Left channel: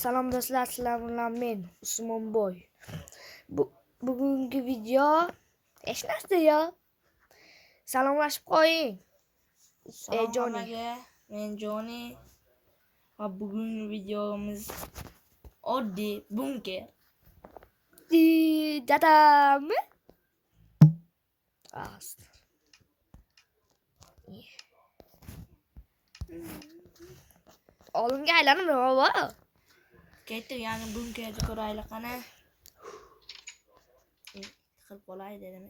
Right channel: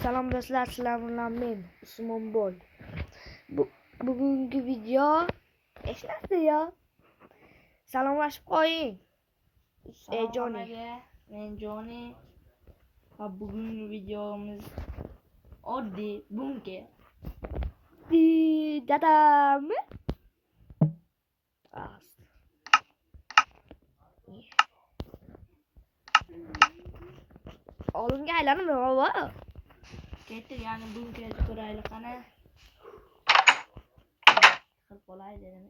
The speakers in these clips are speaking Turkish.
Salom do'stlar, sizlar bilan men Usmonboy. Bugungi video hech narsa yo. Salomlashib qo'ying. Salom aka, men Joni. Va bugungi videomiz oddiy bunker. Dadammi? Ast. Oldinga aylanib nima? Ketdik, ya'ni bunkerni ko'raylik qani. Qilib qolay dedim.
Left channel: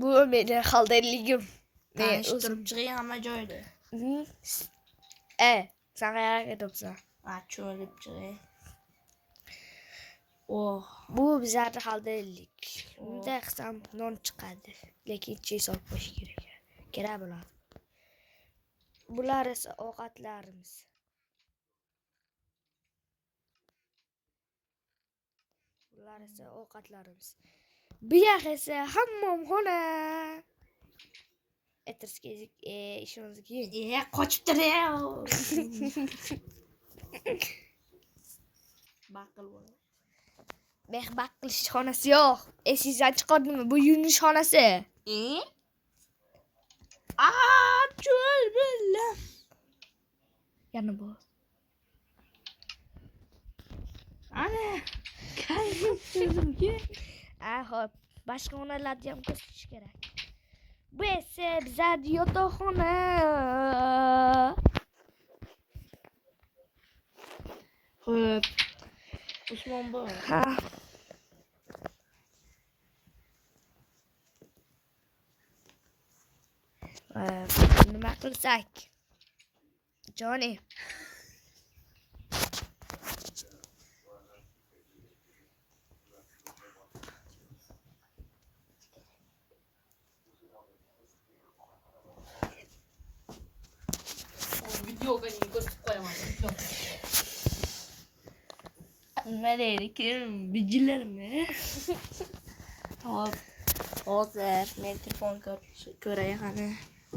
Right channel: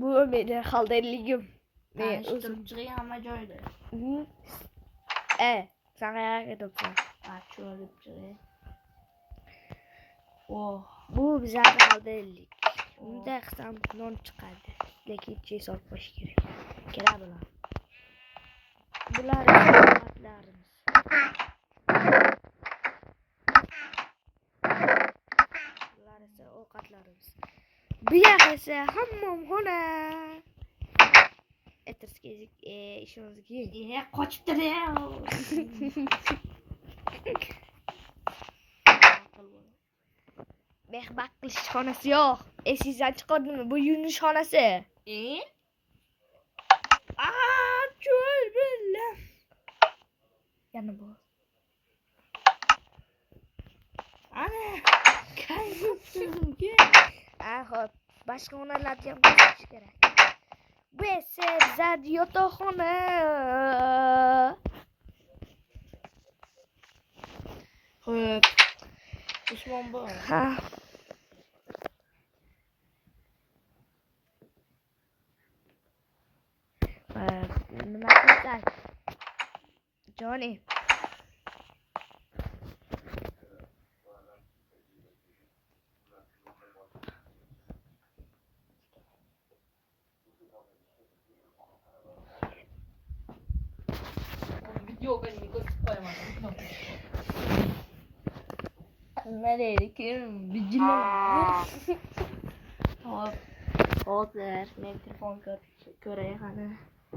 Bu meni xaldaligim. Men turib chiqing hamma joyda. Sen qayerga ketyapsan? Cho'lib chiqing. Oh, Bu bizlarni xaldalik. Unda qisam non chiqadi. Lekin ichiga solib qo'yish kerak. Kerak bular. Bular esa ovqatlarimiz. Bular esa ovqatlarimiz. Bu yoq esa hammomxona. Etirskizik ishimizga. Qochibdir ya. Mehbaq qilish xonasi yo'q. Esingizdan chiqardimi? Bu yuvinish xonasi. Cho'l bilan. Yana bu. Ana. Hop. Boshqa xonalarni ham ko'rsatish kerak. Bu esa bizlar yotoqxona. Xo'p. Usmonboy. Ha. Nima qilsak? Joni. Videoga ko'rsatib qo'yaman. Nima deydi? Bijilar. Hop. Hozir men telefon ko'ray qani.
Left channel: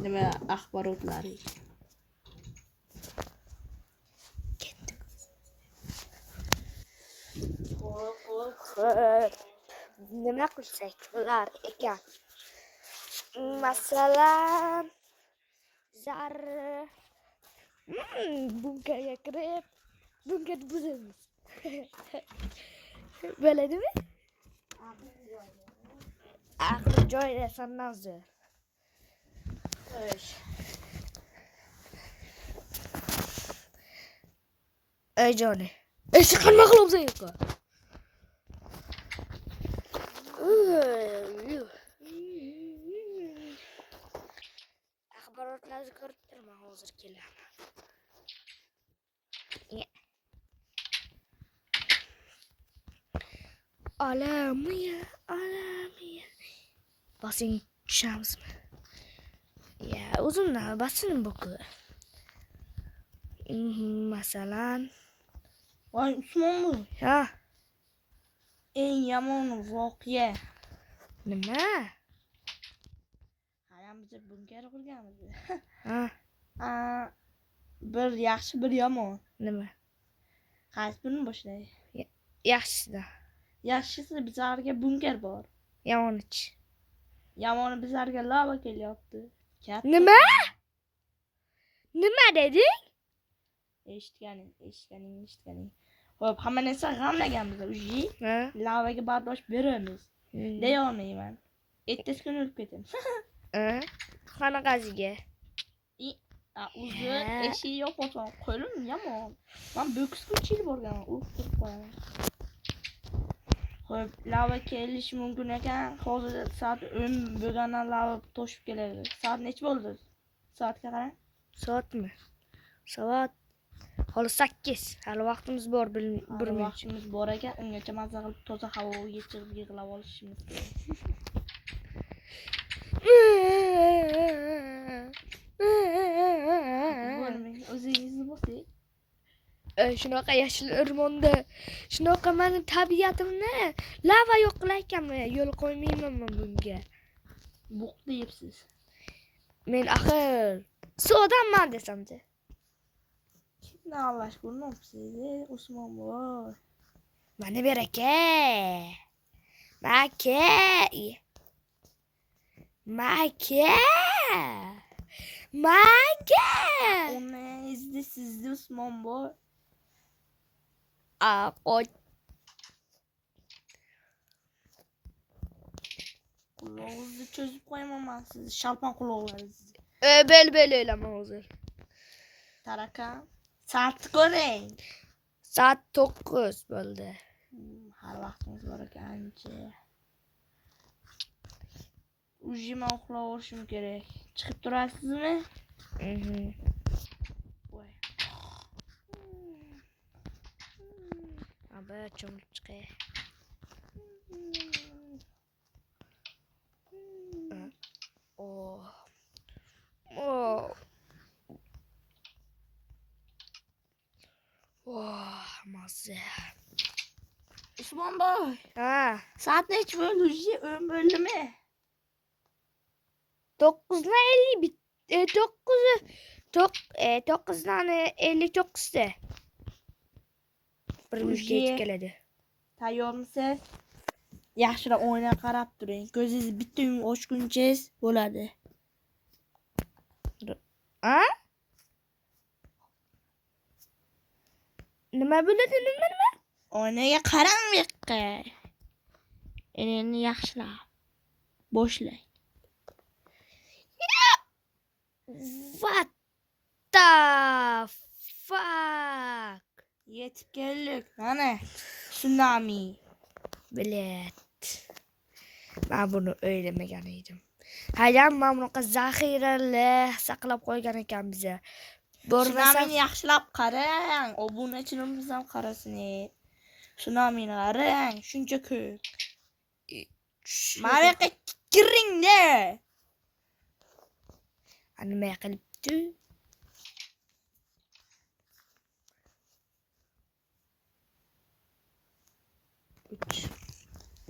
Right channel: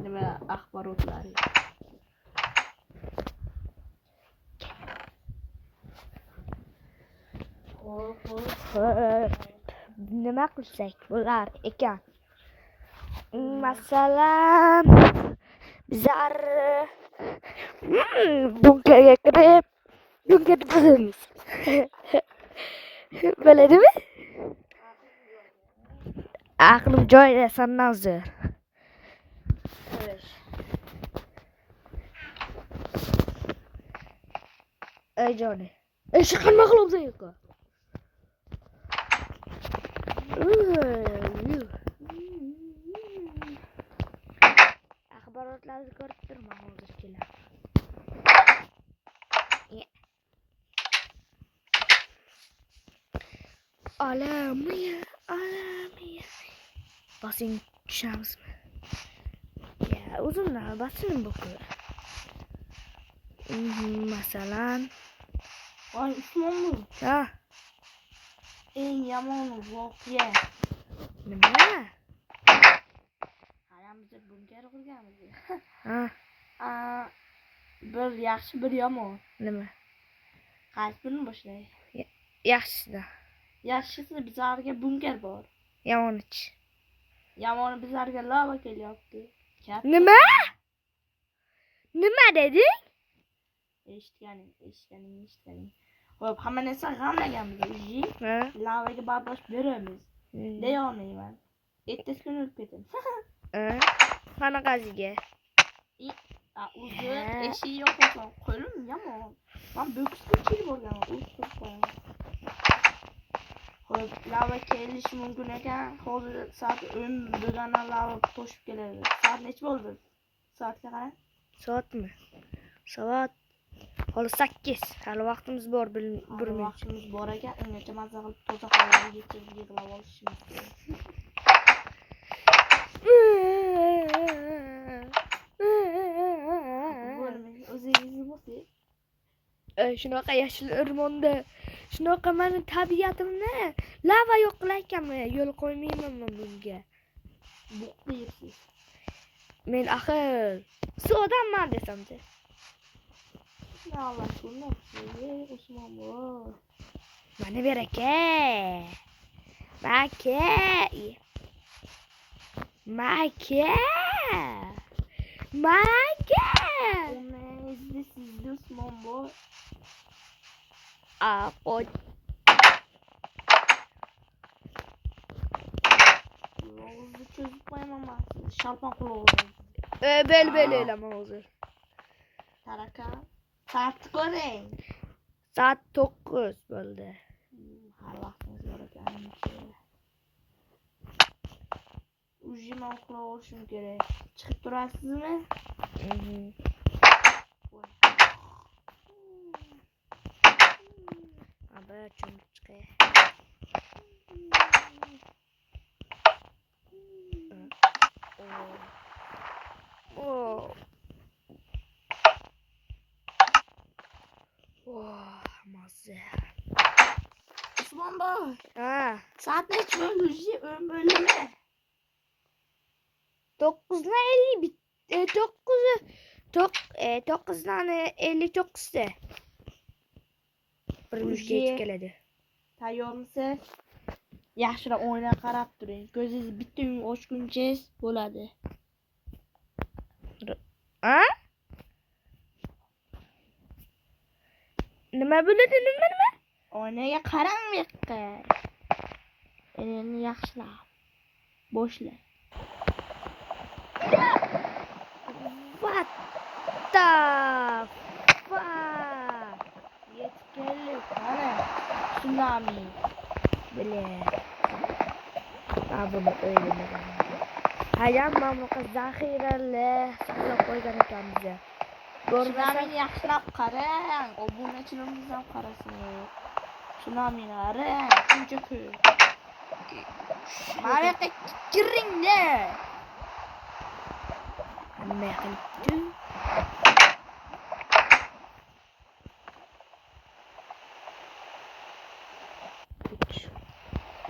Nima axborotlar. Nima qilsak bular ekan? Masalan, bizlar bunkerga kirib, bunkerni buzamiz. Bo'ladimi? Aqlim joyida sandan zo'r. Ey Joni. Eshik qanday qilibsan yo'q? Axborotlarni ko'rib turman hozir kelar. Alamiya. Basing tushamizmi? Ya, o'zimdan basim bu-ku. Masalan, Voy Usmonboy. ha, Eng yomon voqea. nima? Biz bunker qurganmiz. Ha, Bir yaxshi, bir yomon. nima? Qaysi birini boshlay? Yaxshisi. Yaxshisi bizlarga bunker bor. Yomonichi. Yomoni bizlarga lava kelyapti. Nima? Nima deding? Eshitganing. Hop, hamma narsa g'amlaganmiz uji. Ha? Lavaga bardosh beramiz. Deya olmayman. Ertasi kuni o'lib ketaman. Qanaqasiga? O'zi eshik yo'q ekan. Qo'lim yomon. Men boksga chilib borganman. O'zib qo'yaman. Hop, lava kelishi mumkin ekan. Hozir soat 10 bo'lgandan lava toshib keladi. Soat necha bo'ldi? Soatga qarang. Soatmi? Soat hali 8. Hali vaqtimiz bor, bilmayman. Vaqtimiz bor ekan, ungacha mazza qilib toza havoga chiqib yig'lab olishimiz kerak. O'zingizni bosing. Shunaqa yashil o'rmonda shunaqa meni tabiatimni lava yo'q qilayotganman. Yo'l qo'ymayman men bunga. Buq deyapsiz. Men axir suvdanman desamchi. Allah aşkına size Osman var. Mana beraka. Maka. Maka. Maka. Ona izli sizde Osman var. Apa? Kulağınızı çözüp koyamam ben sizi. Şalpan kulağınızı. Böyle eleme hazır. Taraka. Saat görün. Saat 9 oldu. Her vaktiniz var yani ki. Ujime okula uğraşım gerek. Çıkıp durarsınız mı? Abi çamur çıkıyor. Oh. Mazze. Osman Bey. Ha. Saat ne hiç böyle uji ön bölümü? 9'la 50 bit. 9'dan 59'da. Bir müjde yetip geledi. Tayyor musun? Yaxşıra oyuna qarab turing. Ko'zingiz bitta kun ochguncha bo'ladi. Ha? Nima bo'ladi, nima? Oynaga qarang bu yoqqa. Endi yaxshilab boshlang. What the fuck? Yetib keldik. Mana tsunami. Bilet. Ben bunu öğrenemedim. Hayır, ben bunu zaxirali saqlab qo'ygan ekan biza. Ko'rmasam Tsunami yaxshilab qarang. Obunachilarimiz ham qarasin. Tsunamini qarang. Shuncha ko'p. Mana yoqqa kiringda. nima qilibdi?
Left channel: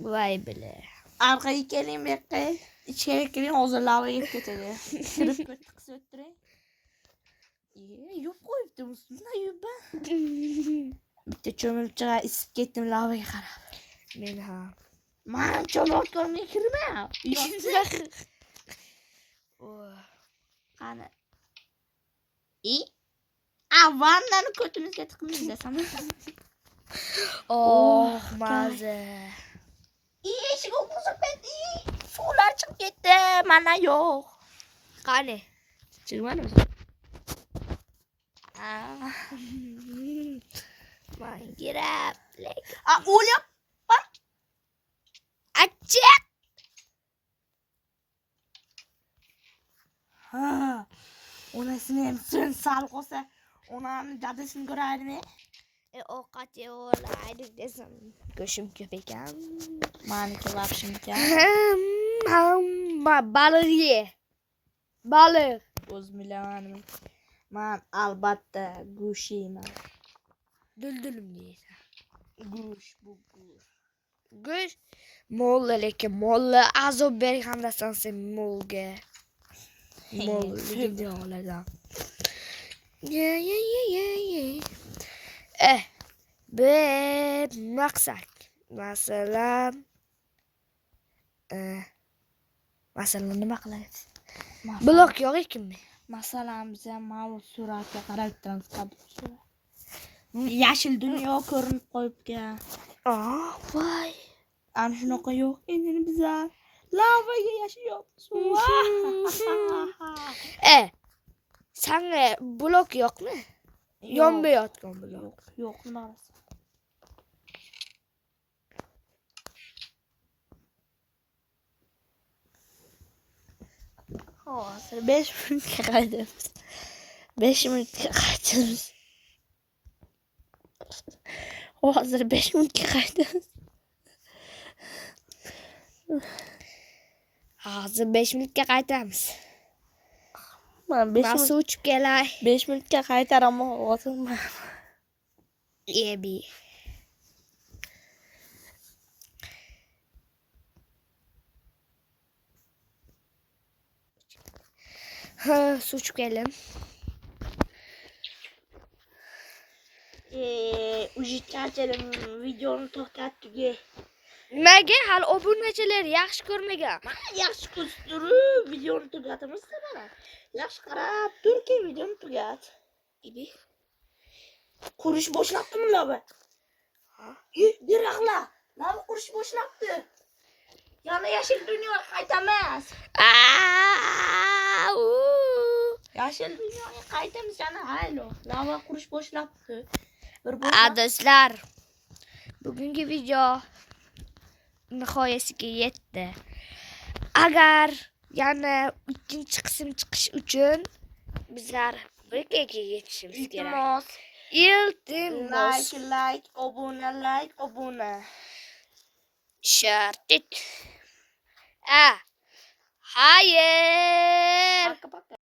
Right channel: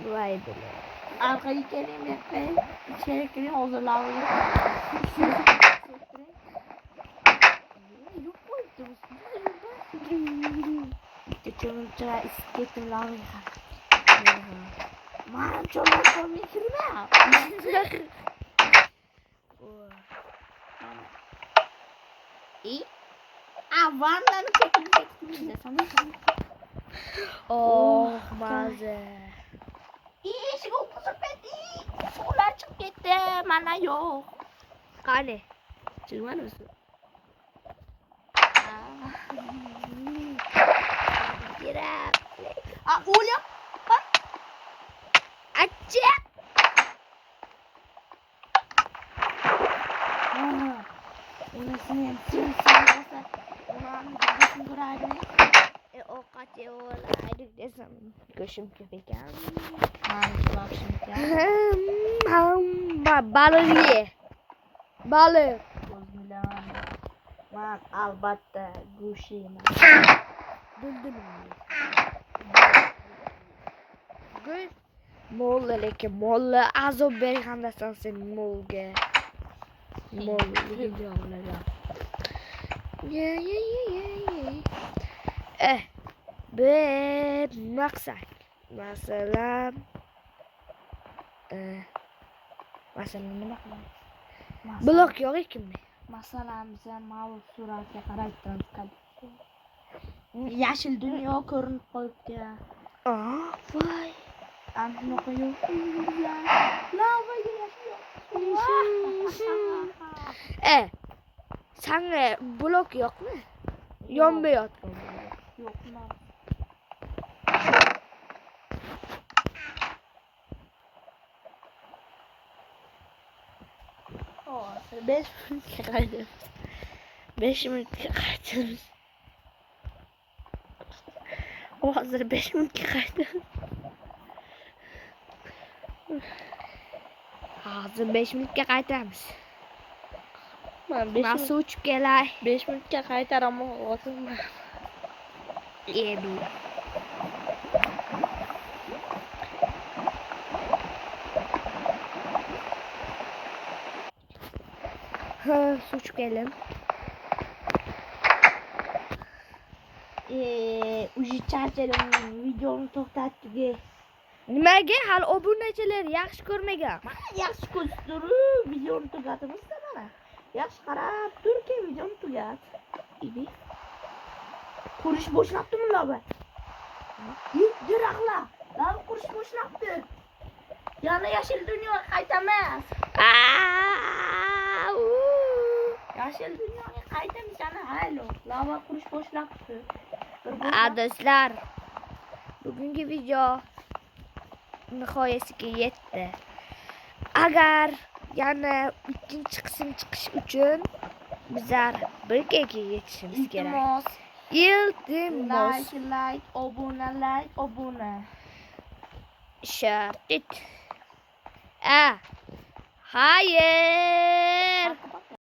Vay bile. Arkaya keling bu yoqqa. İçeri kiring, hozir lavaga ketadi. Yo'q qo'yibdi bu. Bitta cho'milchiga isib ketdim lavaga qarab. Men ha. Mana cho'milchiga kirma. Ana. Vannani ko'kilga tiqmaysan. Oh, maze. Eshik o'qizib suvlar chiqib ketdi. Mana yo'q. Qani? Chiqmadi o'zi. Girab. O'lyap. Achchiq. Onasini ham sen olsa, onani desini ko'radimi? Ovqat yeyoladi desam, go'shim ko'p ekan. Meniki lapshim ekan. Baliq ye. Baliq. O'z bilan. Men albatta go'sht yeyman. Duldulim yeysan. Go'sht mo'lla lekin mo'lla azob bergandasan sen mo'lga. Mo'lligini olagan. Ye. Bir maqsad. Masalan nima qilamiz? Blok yo'q ekanmi? Masalan, biza ma'lum suratga qarab turamiz. Yashil dunyo ko'rinib qo'yibgan. Voy. Ana shunaqa yo'q endi biza. Lavaga yashayapmiz. Sanga blok yo'qmi? Yonba yotgan blok. Yo'q, emas. Hozir 5 minutga qaytamiz. 5 minutga qaytamiz. Hozir 5 minutga qaytamiz. Hozir 5 minutga qaytamiz. Men 5 Men suv ichib kelay. 5 minutga qaytaraman, hozir. Ebi. Suv ichib kelim. Uji charchadim, videoni to'xtatdik. Nimaga hali obunachilar yaxshi ko'rmagan? Yaxshi ko'rsatdir, videoni tugatamiz mana. Yaxshi qarab turki videoni tugat. İbi. Qurish boshlabdimi lava? Daraxtlar, lava qurish boshlabdi. Yana yashil dunyo qaytamiz. Aa! Yashil dunyoga qaytamiz yana haylo. Lava qurish boshlabdi. Do'stlar, bugungi video nihoyasiga yetdi. Agar yana ikkinchi qism chiqish uchun bizlar birgaga yetishimiz kerak. Iltimos. Like, obuna. Şartit. Hayır.